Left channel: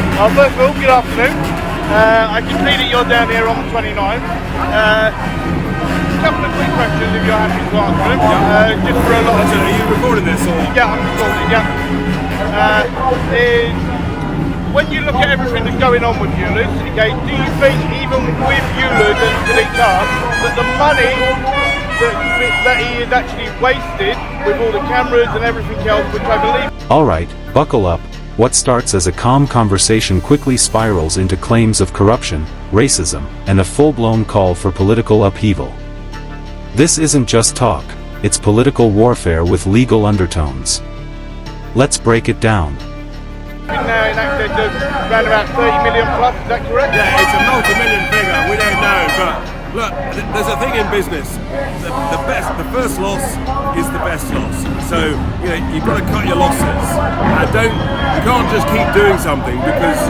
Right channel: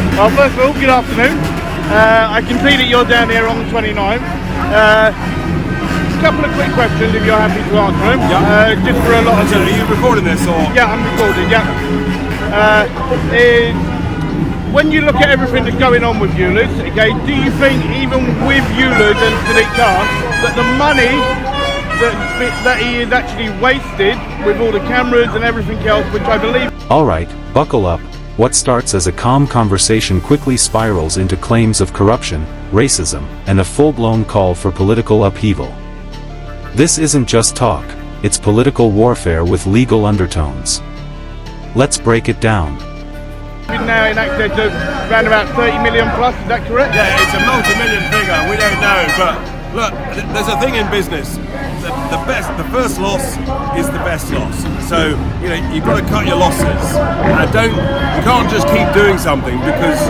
Well, first of all, good afternoon. I can see that you're down here on the 29th. A couple of quick questions if you're happy to answer them. Yeah. Just for a little So are you recording this or? Yeah, I'm recording, yeah. When you look at everything that's going on with UNCLOS, okay, do you think even with UNCLOS and Sadiq Khan, that the money that he is actually wasted with all the cameras and everything else, which I believe... Alright, buckle up. What starts as a calm conversation quickly spirals into claims of corruption, racism, and a full-blown call for political upheaval. This isn't just talk, it's political warfare with legal undertones. Let's break it down. Yeah, it's a multi-million figure, we don't know, but look, there's a thing in business. The first loss is the best loss. So, you've got to cut your losses. You can't just keep doing something because,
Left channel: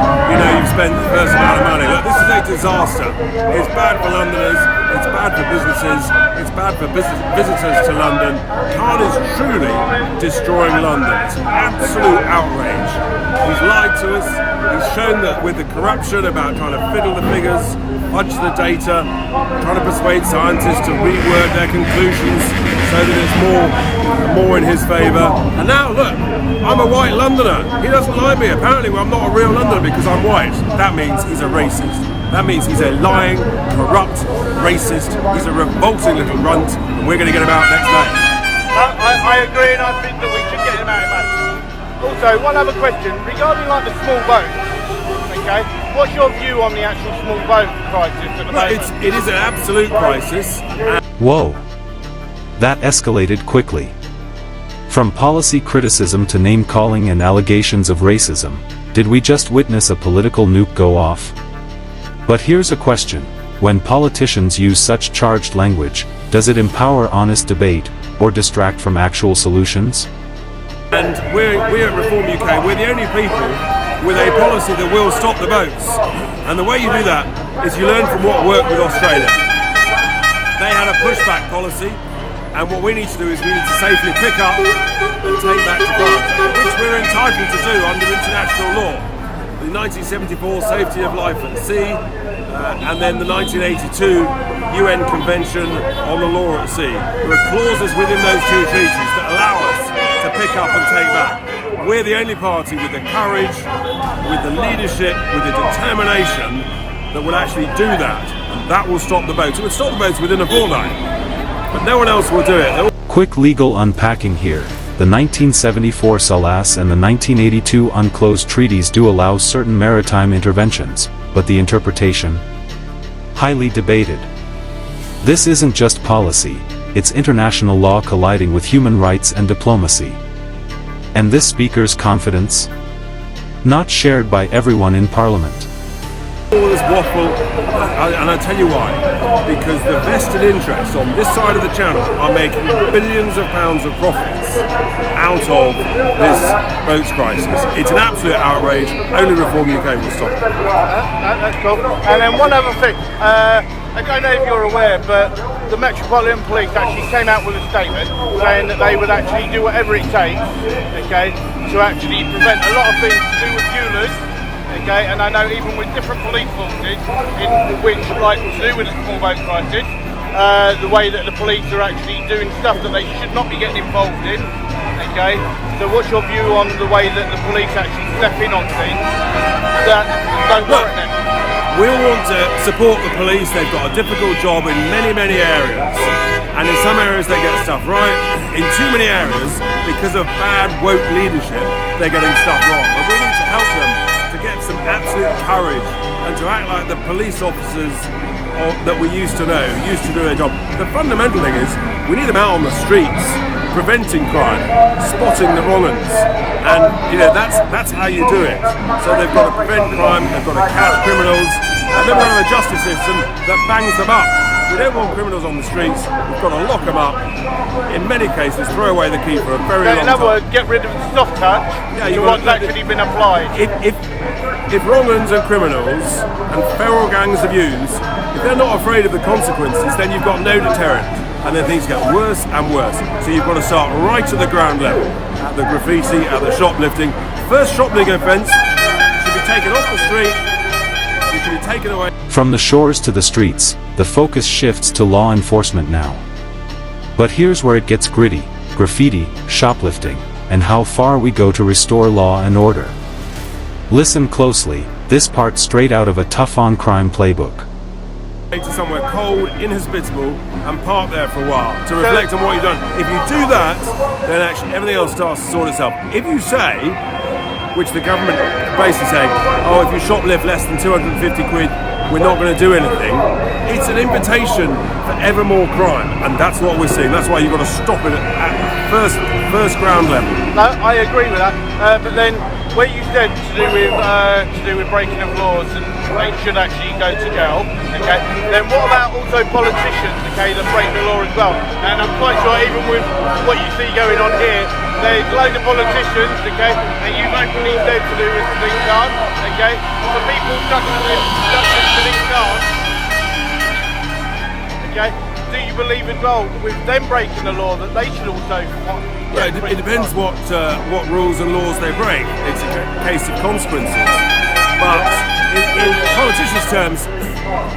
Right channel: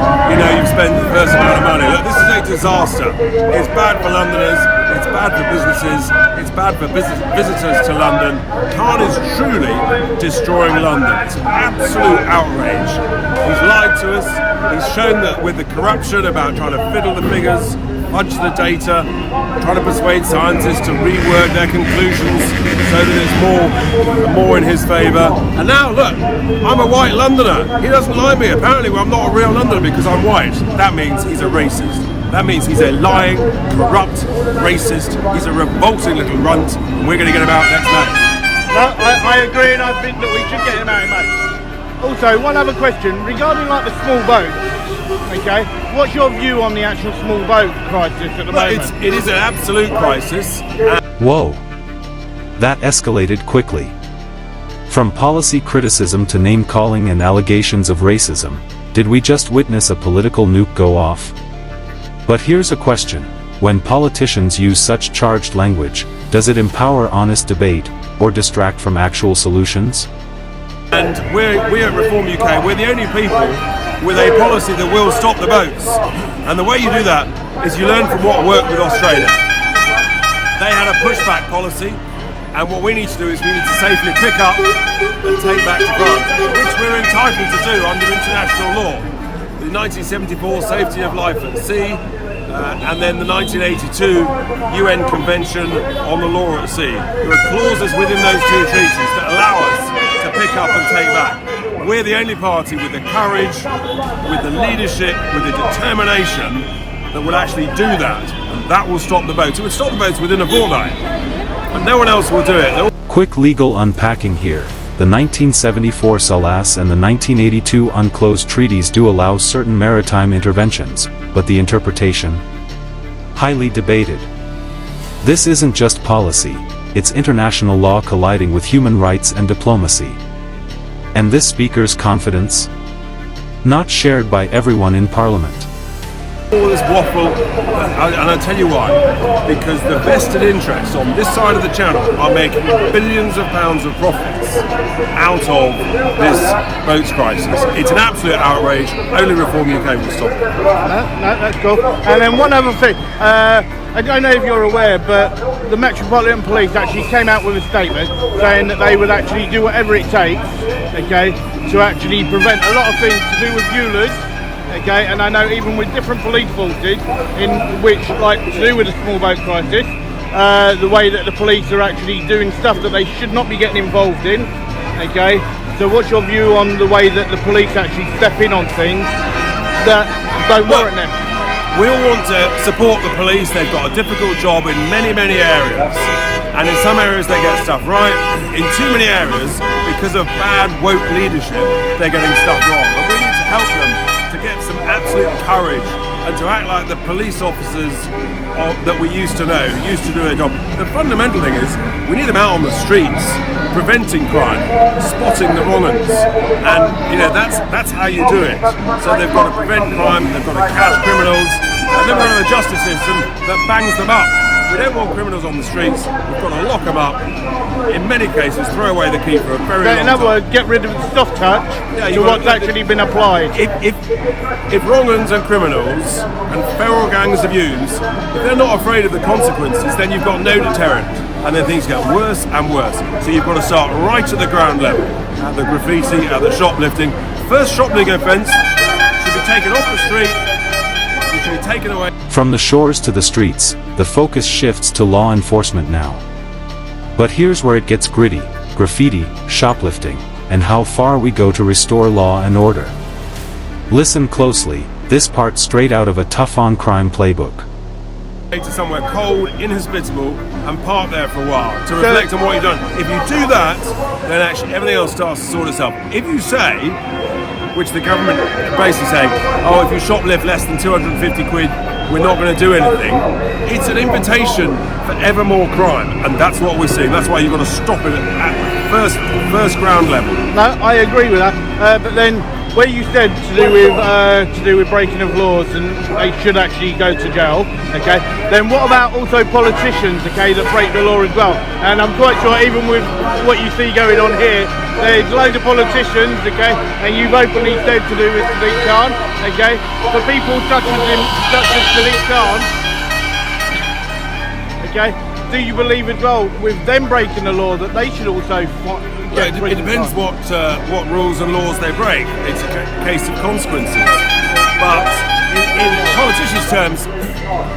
you've spent the first amount of money. Look, this is a disaster. It's bad for Londoners, it's bad for businesses, it's bad for visitors to London. Khan is truly destroying London. It's an absolute outrage. He's lied to us. He's shown that with the corruption about trying to fiddle the figures, fudge the data, trying to persuade scientists to reword their conclusions so that it's more in his favour. And now look, I'm a white Londoner. He doesn't like me. Apparently I'm not a real Londoner because I'm white. That means he's a racist. That means he's a lying, corrupt racist. He's a revolting little runt, and we're going to get him out next May. I agree, and I think that we should get him out. Also, one other question regarding the small boats. Okay, what's your view on the actual small boat crisis? Look, it is an absolute crisis. Whoa. That escalated quickly. From policy criticism to name-calling and allegations of racism, did we just witness a political nuke go off? But here's a question. When politicians use such charged language, does it empower honest debate, or distract from actual solutions? And we at Reform UK, we're the only people with a policy that will stop the boats. And the way you do that is you learn from what worked with Australia. They had a pushback policy, and what we need to do is we need to safely pick up and take back to France, which we're entitled to do under international law. The 1974 Safety of Life at Sea, and then the 1982 UN Convention on the Law at Sea. There are clauses within those two treaties that allow us to pick up and take back. We're the only party with the courage, with the leadership, with the determination that will actually do that, and that will stop the boats. It would stop the boats within a fortnight, but no one else will do it. Quick legal unpacking here. The 1974 SOLAS and the 1982 UNCLOS treaties do allow certain maritime interventions, but the interpretation? Highly debated. This isn't just policy, it's international law colliding with human rights and diplomacy. And this speaker's confidence? Not shared by everyone in Parliament. All this waffle, and I'll tell you why. Because the vested interests on this side of the channel are making billions of pounds of profits out of this boats crisis. It's an absolute outrage. Only Reform UK will stop it. That's cool. And then one other thing. I don't know if you're aware, but the Metropolitan Police actually came out with a statement saying that they will actually do whatever it takes, okay, to actually prevent a lot of things to do with UNCLOS. Okay, and I know even with different police forces, in which, like to do with the small boat crisis, the way that the police are actually doing stuff that they should not be getting involved in. Okay, so what's your view on the way that the police actually step in on things that don't work now? We all want to support the police. They've got a difficult job in many, many areas. And in some areas they get stuff right. In too many areas, because of bad woke leadership, they're getting stuff wrong. But we need to help them to get some absolute courage and to act like the police officers that we used to know, used to do their job. The fundamental thing is we need them out on the streets, preventing crime, spotting the wrong uns, and that's how you do it. So they've got to prevent crime, they've got to catch criminals, and then we've got to have a justice system that bangs them up. We don't want criminals on the streets. We've got to lock them up. In many cases, throw away the key for a very long time. Get rid of the soft touch. Yeah, you've got actually been applied. If wrong-uns and criminals and feral gangs of youths, if they're not afraid of the consequences, then you've got no deterrent, and then things get worse and worse. So you've got to start right at the ground level, at the graffiti, at the shoplifting. First shoplifting offence, should be taken off the street. You should be taken away. From the shores to the streets, the focus shifts to law enforcement now. But here's where it gets gritty: graffiti, shoplifting, and how far we go to restore law and order. Listen closely, this part straight out of a tough-on-crime playbook. To somewhere cold, inhospitable, and park there for a while to reflect on what you've done. If you do that, then actually everything else starts to sort itself. If you say, which the government are basically saying, oh, if you shoplift less than 250 quid, we're not going to do anything, it's an invitation for ever more crime, and that's what we're seeing. That's why you've got to stop it at first ground level. I agree with that, but then where you said to do with breaking of laws and they should actually go to jail, okay, then what about also politicians, okay, that break the law as well? And I'm quite sure even with what you see going on here, there's loads of politicians, okay, and you've openly said to do with Sadiq Khan, okay, so people such as Sadiq Khan, okay, do you believe as well with them breaking the law that they should also... No, it depends what rules and laws they break. It's a case of consequences. But in politicians' terms,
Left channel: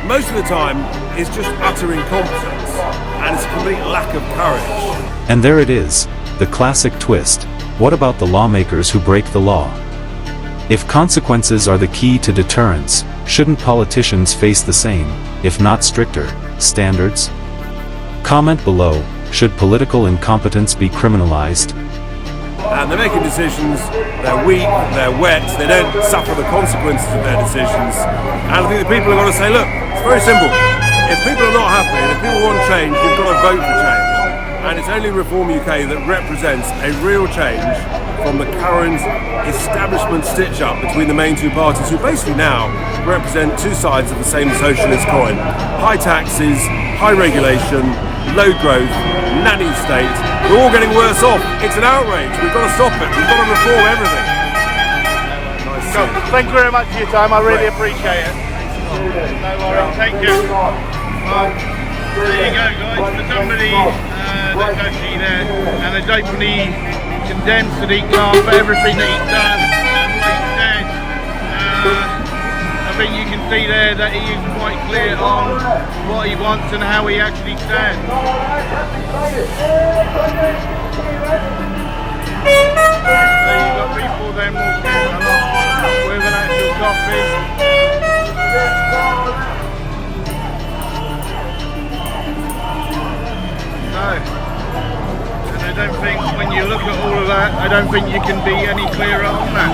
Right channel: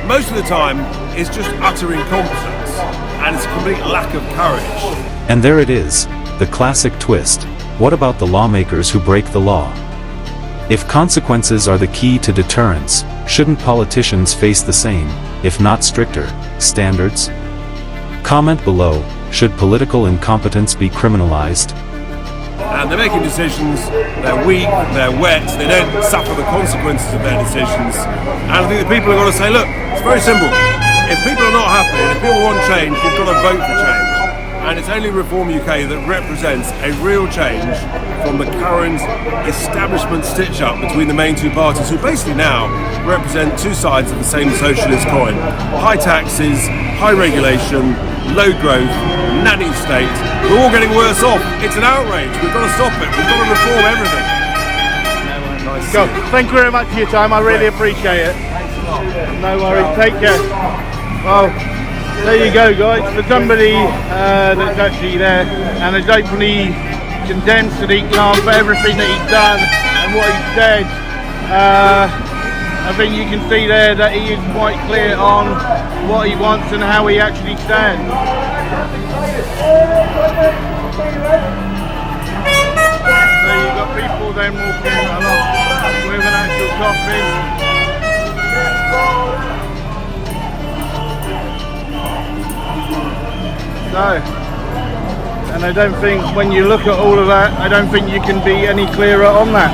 most of the time it's just utter incompetence and it's a complete lack of courage. And there it is, the classic twist. What about the lawmakers who break the law? If consequences are the key to deterrence, shouldn't politicians face the same, if not stricter, standards? Comment below. Should political incompetence be criminalized? And they're making decisions, they're weak, they're wet, they don't suffer the consequences of their decisions. And I think the people have got to say, look, it's very simple. If people are not happy and if people want change, you've got to vote for change. And it's only Reform UK that represents a real change from the current establishment stitch-up between the main two parties, who basically now represent two sides of the same socialist coin. High taxes, high regulation, low growth, nanny state. We're all getting worse off. It's an outrage. We've got to stop it. We've got to reform everything. Nice to see you. Thank you very much for your time. I really appreciate it. No worries. Take care. Well, there you go, guys. For somebody that's actually there and has openly condemned Sadiq Khan for everything that he's done and what he said, I think you can see there that he is quite clear on what he wants and how he actually stands. So you've got people then walking along with an actual coffee. So, and I don't think when you look at all of that, I don't think you can be any clearer on that.